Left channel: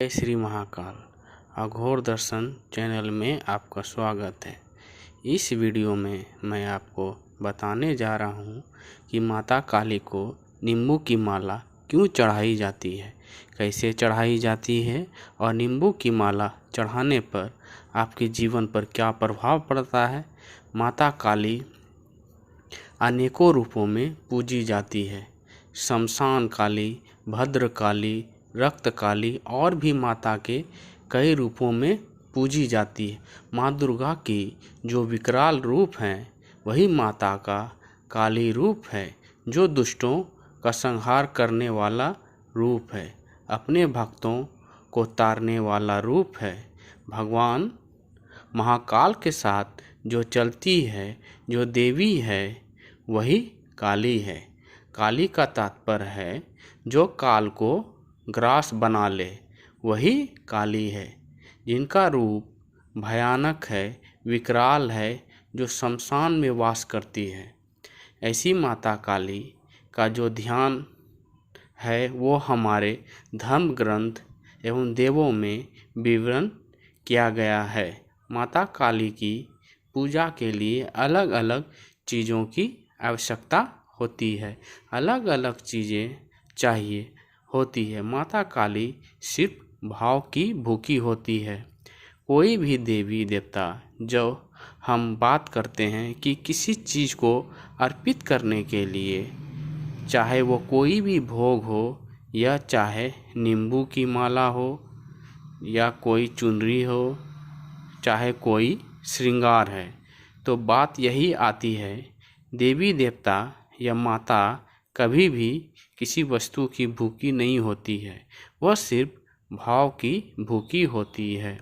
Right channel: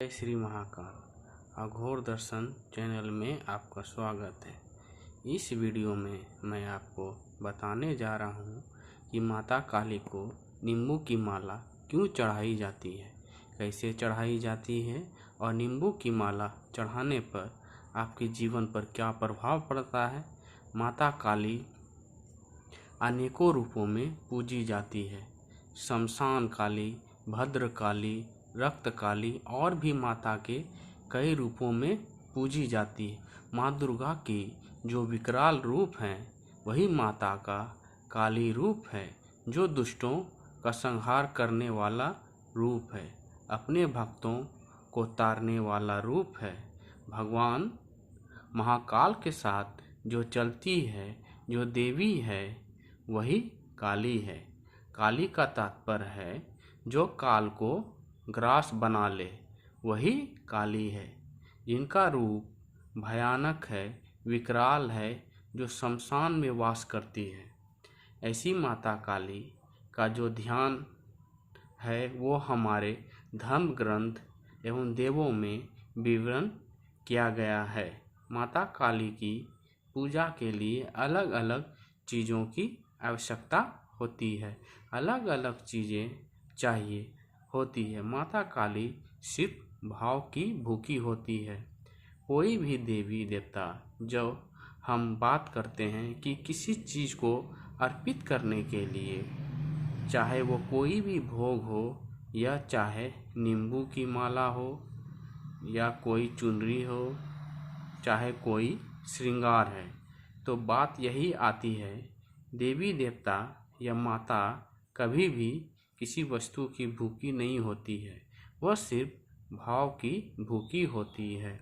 जय श्री महाकाल अघोर दर्शन चैनल में आपका स्वागत है। इस वीडियो में मैं आपको बताने जा रहा हूँ कि माता काली को नींबू की माला क्यों चढ़ाई जाती है, कैसे चढ़ाई जाती है और नींबू की माला चढ़ाने पर आपके जीवन पर क्या प्रभाव पड़ता है। माता काली अनेकों रूपों में पूजी जाती है। शमशान काली, भद्र काली, रक्त काली और भी माता के कई रूपों में पूजी जाती है। माँ दुर्गा की जो विकराल रूप हैं वही माता का काली रूप है, जो दुष्टों का संहार करने वाला रूप है, अपने भक्तों को तारने वाला रूप है। भगवान महाकाल के साथ जो चलती है, जो देवी है, वही काली है। काली का तात्पर्य है जो काल को ग्रास बना ले, वही काली है। जिनका रूप भयानक है, विकराल है, जो शमशान में वास करती है। ऐसी माता काली का जो ध्यान है वो हमारे धर्म ग्रंथ एवं देवों में विवरण किया गया है। माता काली की पूजा के लिए अलग अलग चीज़ों की आवश्यकता होती है, अलग अलग चीज़ें चाहिए होती है। माता काली सिर्फ भाव की भूखी होती है। कोई भी देवी देवता जो हम बात करते हैं कि किसी चीज़ को अर्पित करने के लिए, चाहे वो कोई भी भोग हो या चाहे नींबू की माला हो या कोई चुनरी हो, चाहे कोई श्रृंगार है, तो बात यही आती है, देवी देवता या माता कभी भी किसी वस्तु की भूखी नहीं होती है, वह सिर्फ भाव की भूखी होती है।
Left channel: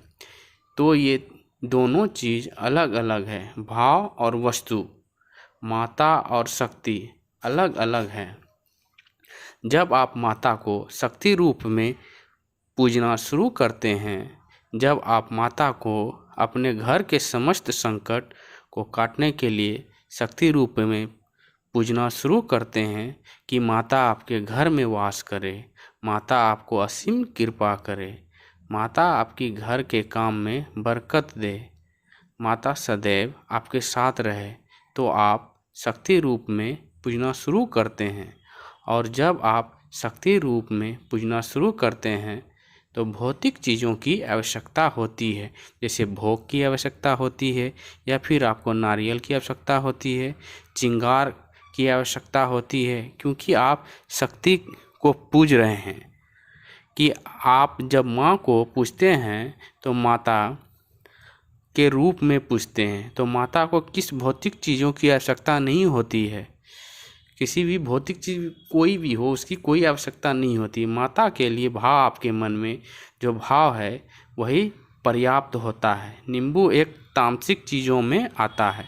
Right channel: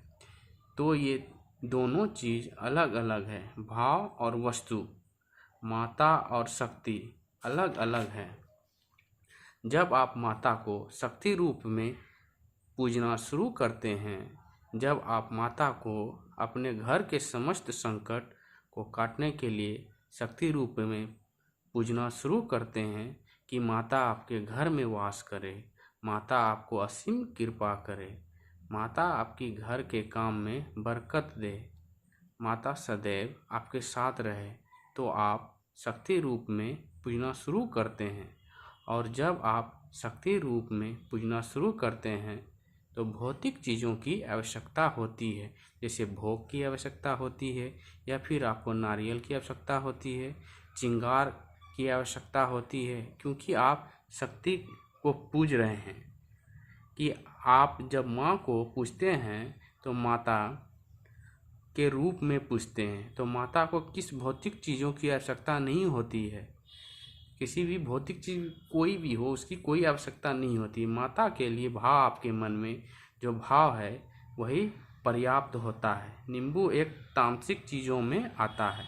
तो ये दोनों चीज़ अलग अलग है, भाव और वस्तु, माता और शक्ति अलग अलग है। जब आप माता को शक्ति रूप में पूजना शुरू करते हैं, जब आप माता को अपने घर के समस्त संकट को काटने के लिए शक्ति रूप में पूजना शुरू करते हैं कि माता आपके घर में वास करे, माता आपको असीम कृपा करे, माता आपकी घर के काम में बरकत दे, माता सदैव आपके साथ रहे, तो आप शक्ति रूप में पूजना शुरू करते हैं। और जब आप शक्ति रूप में पूजना शुरू करते हैं तो भौतिक चीज़ों की आवश्यकता होती है, जैसे भोग की आवश्यकता होती है, या फिर आपको नारियल की आवश्यकता होती है, चिंगार की आवश्यकता होती है, क्योंकि आप शक्ति को पूज रहे हैं। कि आप जब माँ को पूजते हैं तो माता के रूप में पूजते हैं, तो माता को किस भौतिक चीज़ों की आवश्यकता नहीं होती है। किसी भी भौतिक चीज़ कोई भी हो उसकी कोई आवश्यकता नहीं होती। माता के लिए भाव, आपके मन में जो भाव है वही पर्याप्त होता है। नींबू एक तामसिक चीज़ों में आता है।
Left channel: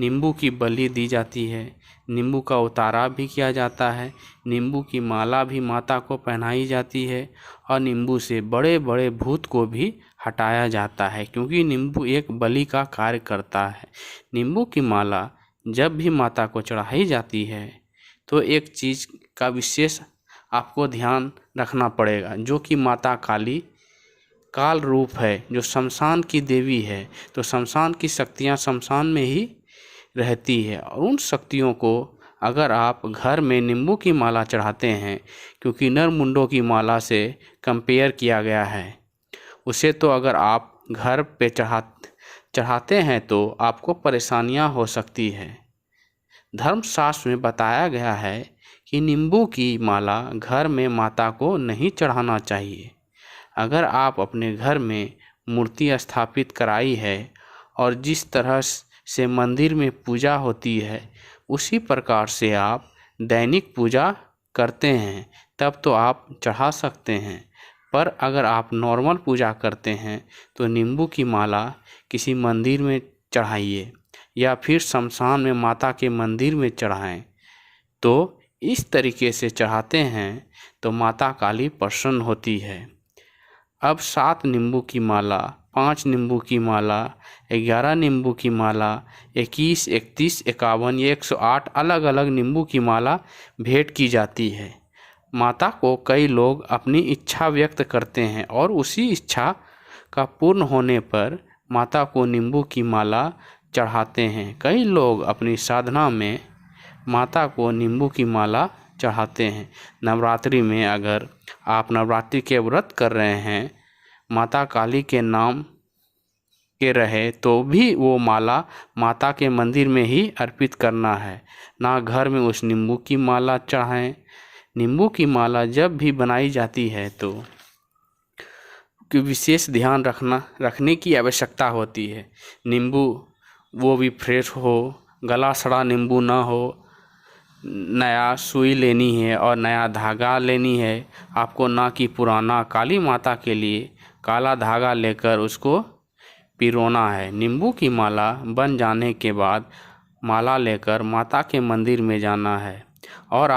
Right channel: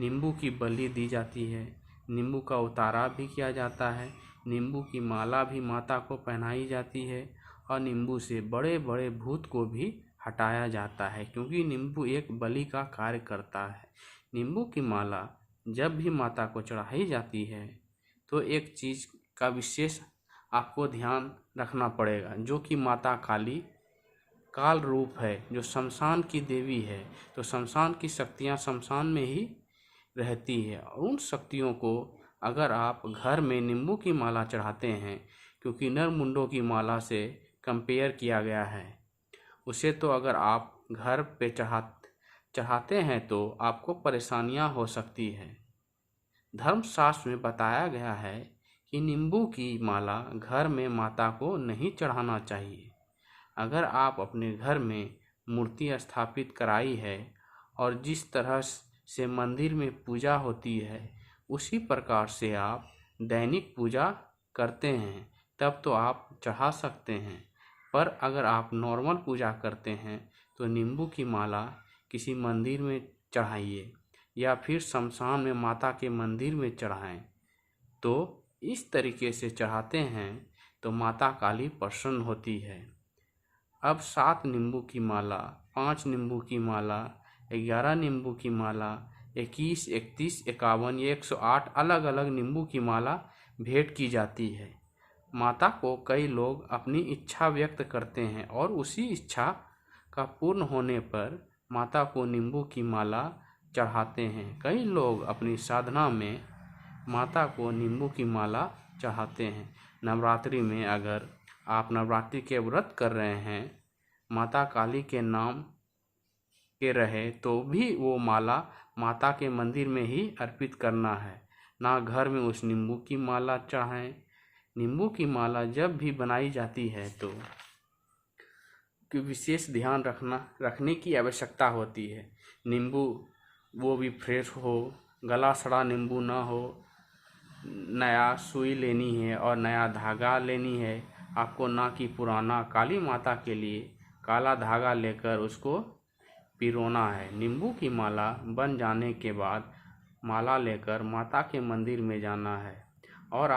नींबू की बलि दी जाती है, नींबू का उतारा भी किया जाता है, नींबू की माला भी माता को पहनाई जाती है और नींबू से बड़े बड़े भूत को भी हटाया जाता है, क्योंकि नींबू एक बलि का कार्य करता है। नींबू की माला जब भी माता को चढ़ाई जाती है तो एक चीज़ का विशेष आपको ध्यान रखना पड़ेगा, जो कि माता काली काल रूप है, जो शमशान की देवी है। तो शमशान की शक्तियाँ शमशान में ही रहती है, और उन शक्तियों को अगर आप घर में नींबू की माला चढ़ाते हैं, क्योंकि नरमुंडों की माला से कंपेयर किया गया है, उसे तो अगर आप घर पे चढ़ाते हैं तो आपको परेशानियां हो सकती है। धर्मशास्त्र में बताया गया है कि नींबू की माला घर में माता को नहीं चढ़ाना चाहिए। अगर आप अपने घर में मूर्ति स्थापित कराई है और जिस तरह से मंदिर में पूजा होती है उसी प्रकार से आप दैनिक पूजा करते हैं, तब तो आप चढ़ा सकते हैं। पर अगर आप नॉर्मल पूजा करते हैं तो नींबू की माला किसी मंदिर में चढ़ाइए या फिर शमशान में माता के मंदिर में चढ़ाएं। तो इस तरीके से चढ़ाते हैं तो माता काली प्रसन्न होती है। अब 7 नींबू की माला, 5 नींबू की माला, 11 नींबू की माला, 21, 31, 51 ये 108 अलग अलग नींबू की माला भेंट की जाती है। माता को कई लोग अपनी इच्छा व्यक्त करते हैं और उसी इच्छा का पूर्ण होने पर माता को नींबू की माला चढ़ाते हैं। कई लोग अपनी साधना में माता को नींबू की माला चढ़ाते हैं। नवरात्रि में अगर आप नवरात्रि के व्रत कर रहे हैं, माता काली के नाम के रहे, तो भी वो माला माता के मंदिर में ही अर्पित करना है, ना घर में उस नींबू की माला चढ़ाएं। नींबू की माला जब भी बनाई जाती है तो कि विशेष ध्यान रखने की आवश्यकता होती है। नींबू वो भी फ्रेश हो, गला सड़ा नींबू ना हो। नया सुई लेनी है और नया धागा लेनी है आपको, ना कि पुराना। काली माता के लिए काला धागा लेकर उसको पिरोना है। नींबू की माला बन जाने के बाद माला लेकर माता के मंदिर में जाना है और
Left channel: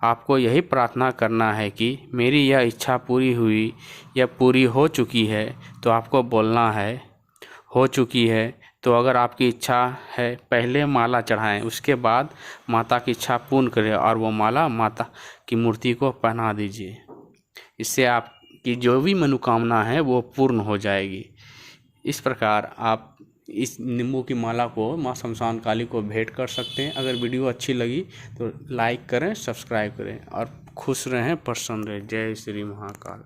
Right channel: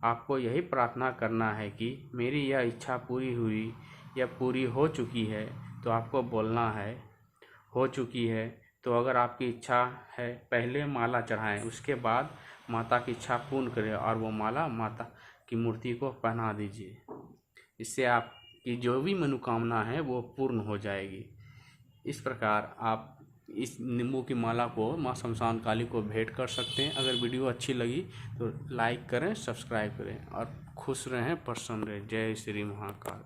आपको यही प्रार्थना करना है कि मेरी यह इच्छा पूरी हुई या पूरी हो चुकी है। तो आपको बोलना है हो चुकी है। तो अगर आपकी इच्छा है, पहले माला चढ़ाएं, उसके बाद माता की इच्छा पूर्ण करें और वो माला माता की मूर्ति को पहना दीजिए। इससे आपकी जो भी मनोकामना है वो पूर्ण हो जाएगी। इस प्रकार आप इस नींबू की माला को माँ शमशान काली को भेंट कर सकते हैं। अगर वीडियो अच्छी लगी तो लाइक करें, सब्सक्राइब करें और खुश रहें, प्रसन्न रहें। जय श्री महाकाल।